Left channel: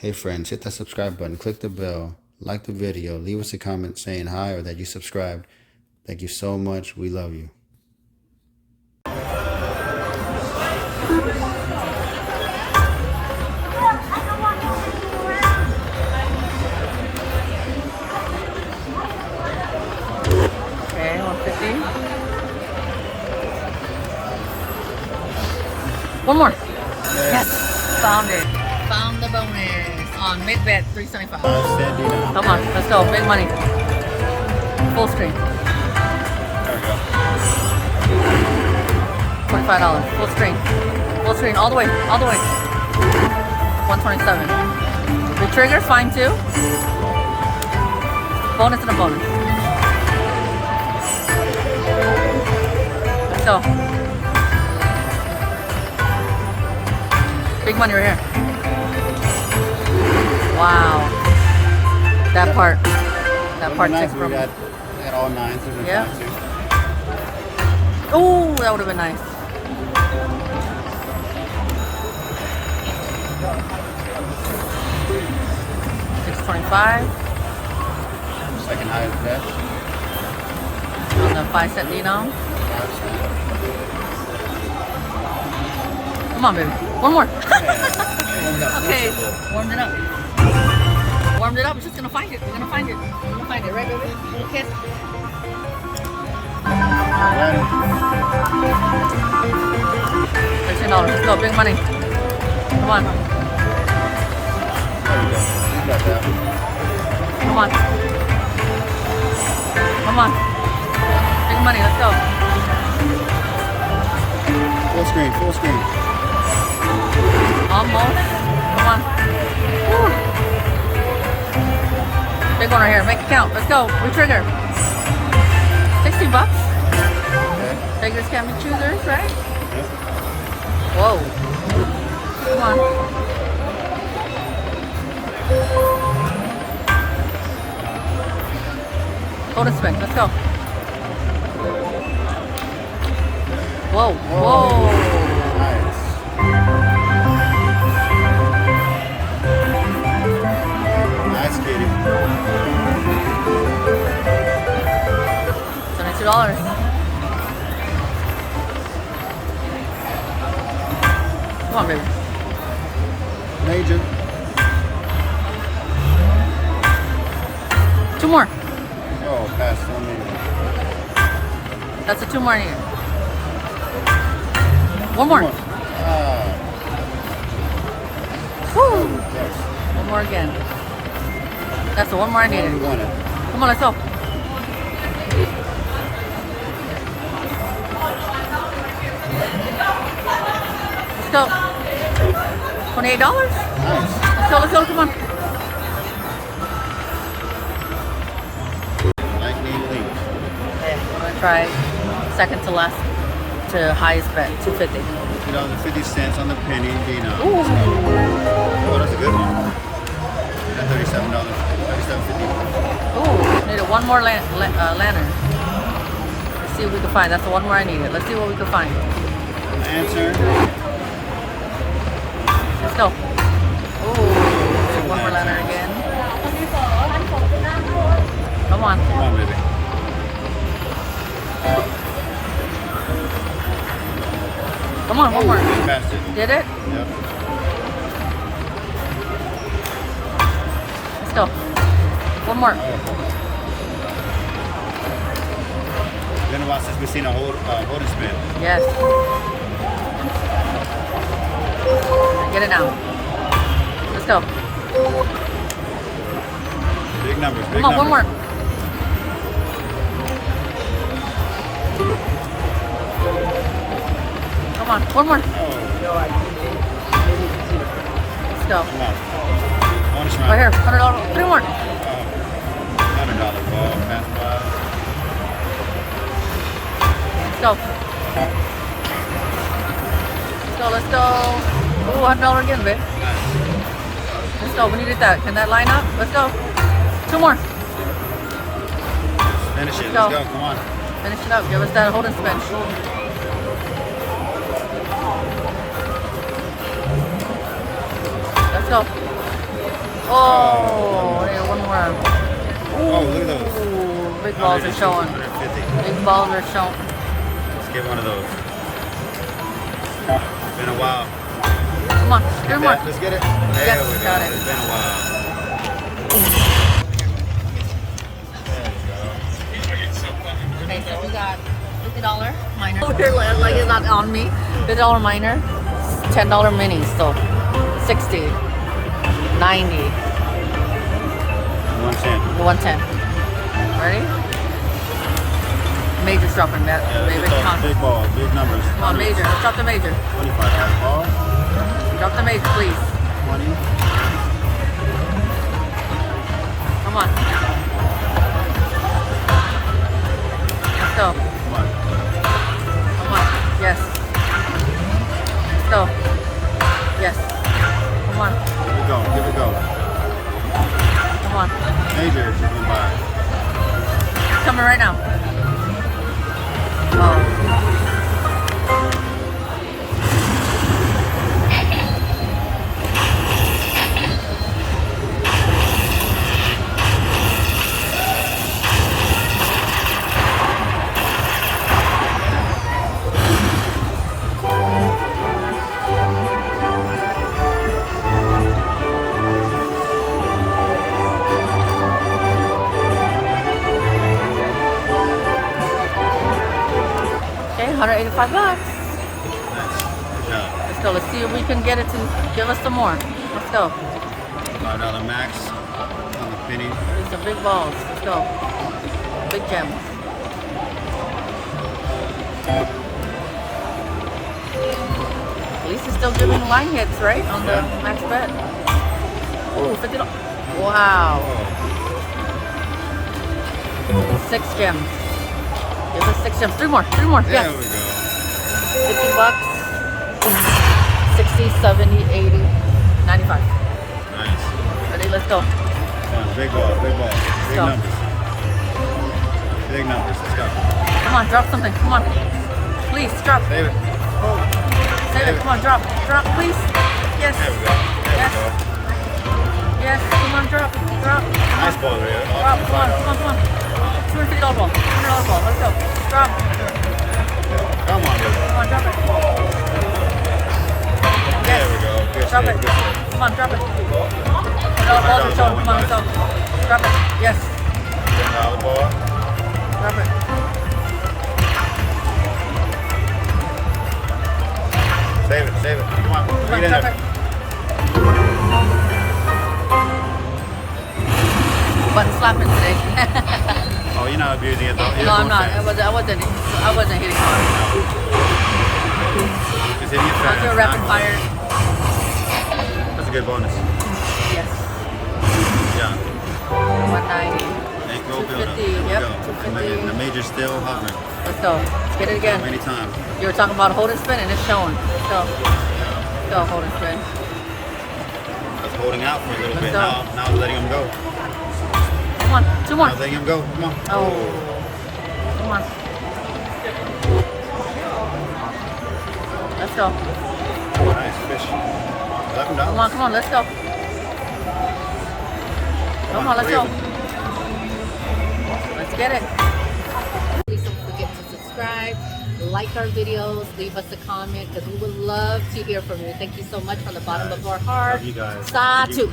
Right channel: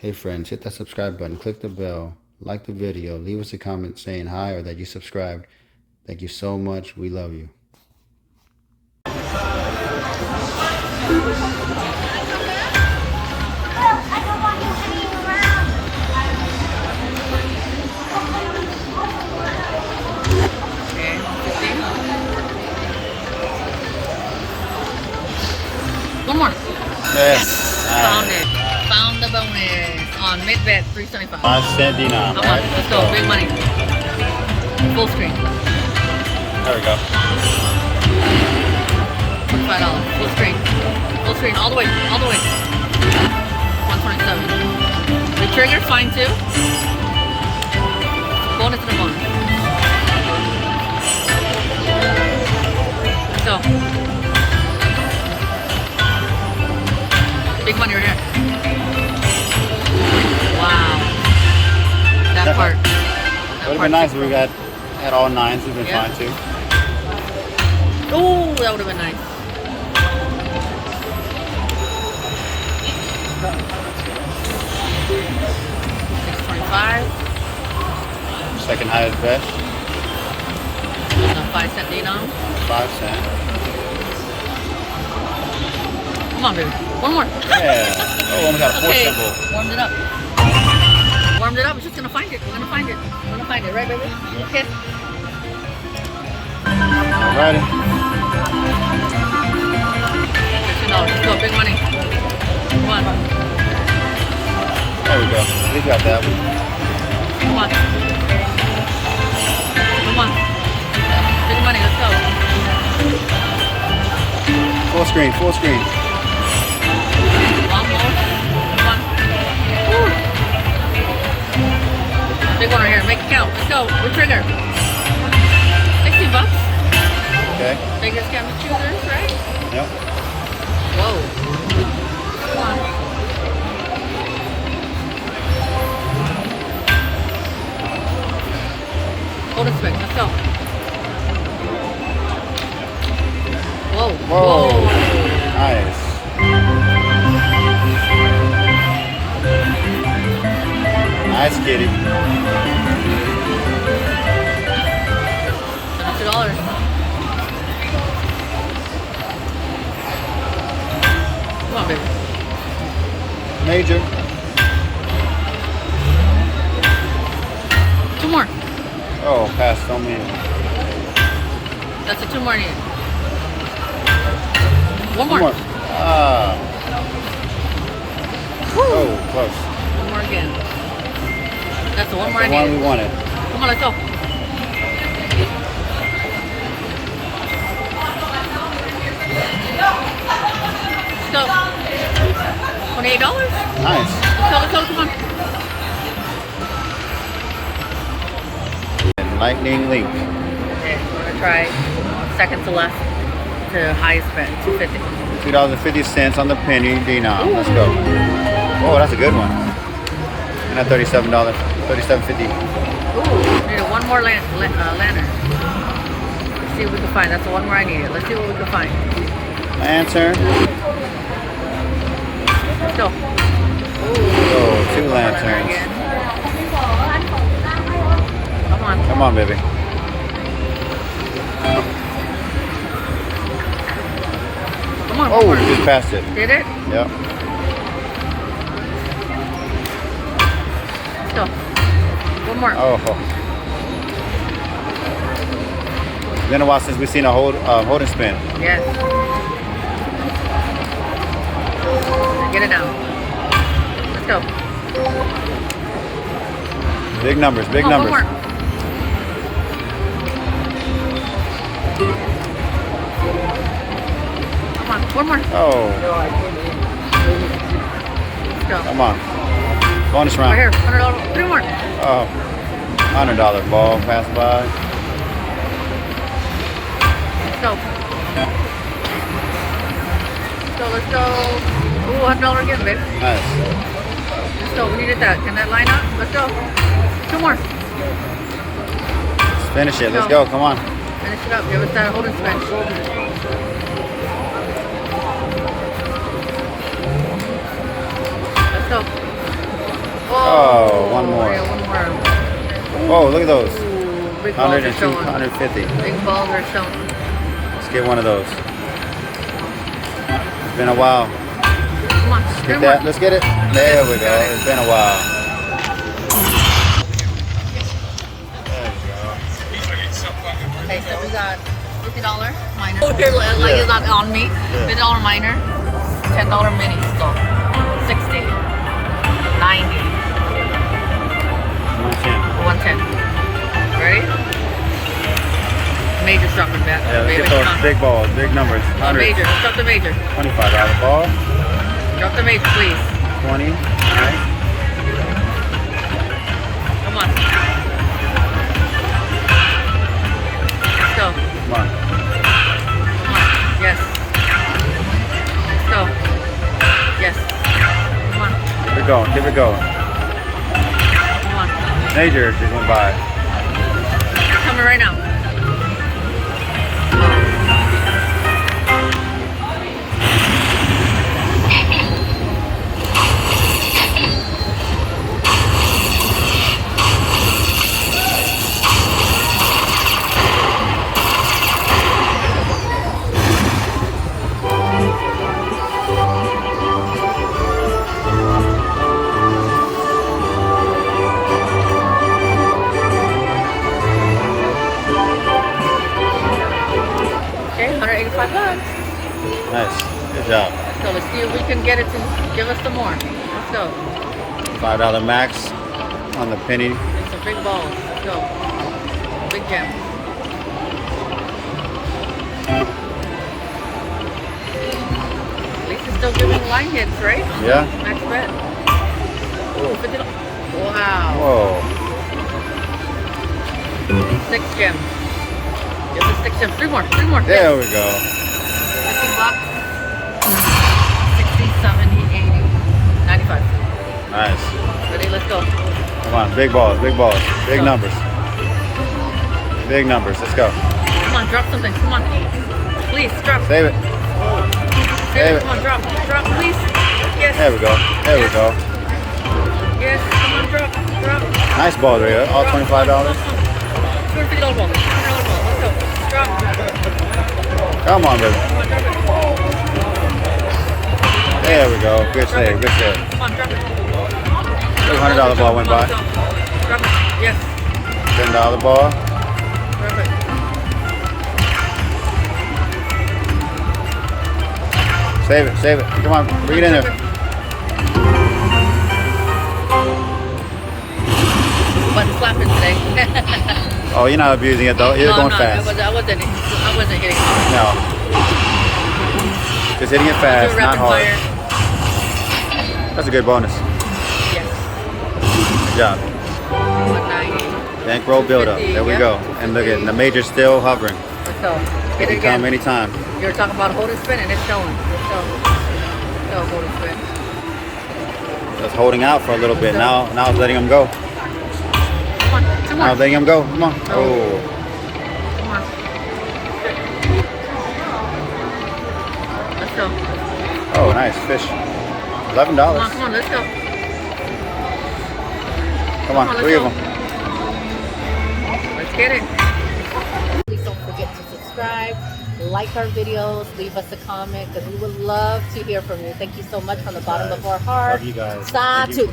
Hey friends, hit that subscribe button, click the bell, like the video, leave us a comment saying hi or that you subscribed. Thank you so much. We love you. One more. Yes. Found it. Found the bonus on mid bet 375. 5 cent dinar. Come on, let's go. Big money. Full screen. There we go. $25. Full screen. Full screen all the way. All the way. 127. The trigger's fine too. Bonus and a bonus. Let's go. Big money right here. Wow. That part. Would have been nice if we had all nines. Would have been fine too. Ooh, that would have been nice. $6.25. Second highest bet. The 5 cent Dino. 5 cent. Come on, baby. One more. Yeah. Oh, almost got a 4 symbol. Warmed it up. Warmed it up. We're just gonna find it. We're gonna find it. We're gonna find it, right, baby? Little kiss. Ready? $15. Let's go. Big money. Come on. There we go. We got that one. Come on. Come on. Big money. Let's go. Full screen. Full screen. Almost. Come on. Woo. Big one right here. Make it count. Let's go. We trigger. $60. Okay. Beggars can't be choosers, right? Yep. Whoa. Come on. Bonus spin. Let's go. Whoa. Whoa. Nice. Nice kitty. $72. Come on, baby. Major. 2 more. Oh, passed so many. That's the 2 more I need. One One more. more. Ah. Woo. Oh, close. One more again. That's the one more I The one we need. wanted. Come on, let's go. Let's go. $28? Nice. Let's go, come on. Lightning link. Okay, we're try second to last to highest bet, 250. $2.50 on the penny dinar. Let's go. Oh, that's a good one. And at $37. $37.50. Ooh, needed one more lantern. Let's see what we can find. That's the one more I needed. Let's see what we can find. Answer. Let's go. Ooh, Oh, 2 one more lantern lanterns. again. Come on. Come on, baby. Come on, one Oh, more. just passed it. Did it? Yep. Let's go. One more. Oh. Been a while since we've seen a holding spin. Yes. Get it now. Let's go. Big numbers, big Come on, numbers. one more. Come on, one more. Oh, Let's go. come on. Bonus round. Right here, $100. 3 more. Oh, $100 ball pass by. Let's go. Let's go. Ooh, $100 again, babe. Nice. Let's go. We needed that. Can that line up? Let's go. 2 more. Let's finish it. Let's go. Come on. Finish it up. Give us that holding spin. Let's go. Oh, one more. Yeah, one more. Oh, look at those. Ooh, big balls are 102, showing. 150. Big balls are showing. Let's get one of those. It's been a while. Come on, Get three more. that. Let's get it. There Yes, we go. got it. It's been a while. Okay, so we got $50 minor. Over here, like it's not on me. $50 minor, $10 mini, so 60, 90, 110. 110. Ready? Major dropping bet. Yeah, let's get those big balls, big numbers. Major. Drop the major. $25 ball. Drop the major, please. 20. Alright. Come on. Let's go. Come on. Come on. Yes. Let's go. Yes. Come on. Keep it going. Keep it going. Come on. Major just went by. It's coming right now. Oh. Okay, $185. Nice. Good job. So let's see if we can get it to give us some more. Let's go. $5 max on the penny. Some big balls. Let's go. Big gems. At least it's still giving line hits, right? On Yeah. the max bet. Ooh, $50. Wow. Whoa. 6 gems. Give us 6 gems. 3 more. 3 more. There Yes. we go. $50. 60, 70, 80, 95. Nice. Let's go. Come on. Big balls. Big balls. Big Go. numbers. Big numbers. Let's go. Come on, drop something. Come on. Please, drop. Save it. Save it. Come on, drop. Drop, please. Yes. There we go. There Yes. we go. Yes. Come on, drop. Drop. Nice ball, Ria. All Drop. $25. Come on. $250 ball. $200 ball. Let's go. Drop. Come on, baby. Come on, drop it. There we go. Good Drop save. it. Good save. Come on, drop it. $200 ball went Come on, by. let's go. Drop it. Yes. $10 ball. Drop it. Save it. Save it. Come on. Come Bring on, it in drop there. it. Button slapping today. Oh, you're not abusing it though. You're No, I'm going not. fast. I wasn't hitting hard. No. Just hitting it I'll do fast, a not rapid hard. fire. That's a good bonus. Yes. Good job. 190. Bankroll buildup. 250, There we yep, go. And look at the major's still hovering. Let's go. Let's get it You come again. anytime. You were talking about hold and spin and it's showing. Go. Go, hold and spin. It's holding out for a little bit. Now it's letting him go. Come on. 2 more. Now it's letting him go. Come on. Oh. Oh. Come on. Let's go. Oh, nice fish. $11. Come on, let's go. Come on, let's 3 go. of them. Let's get it. Please don't forget to subscribe, like our videos, leave us a comment because we would love to hear from you. Thank you so much from the bottom of our heart. Love you guys. Satu.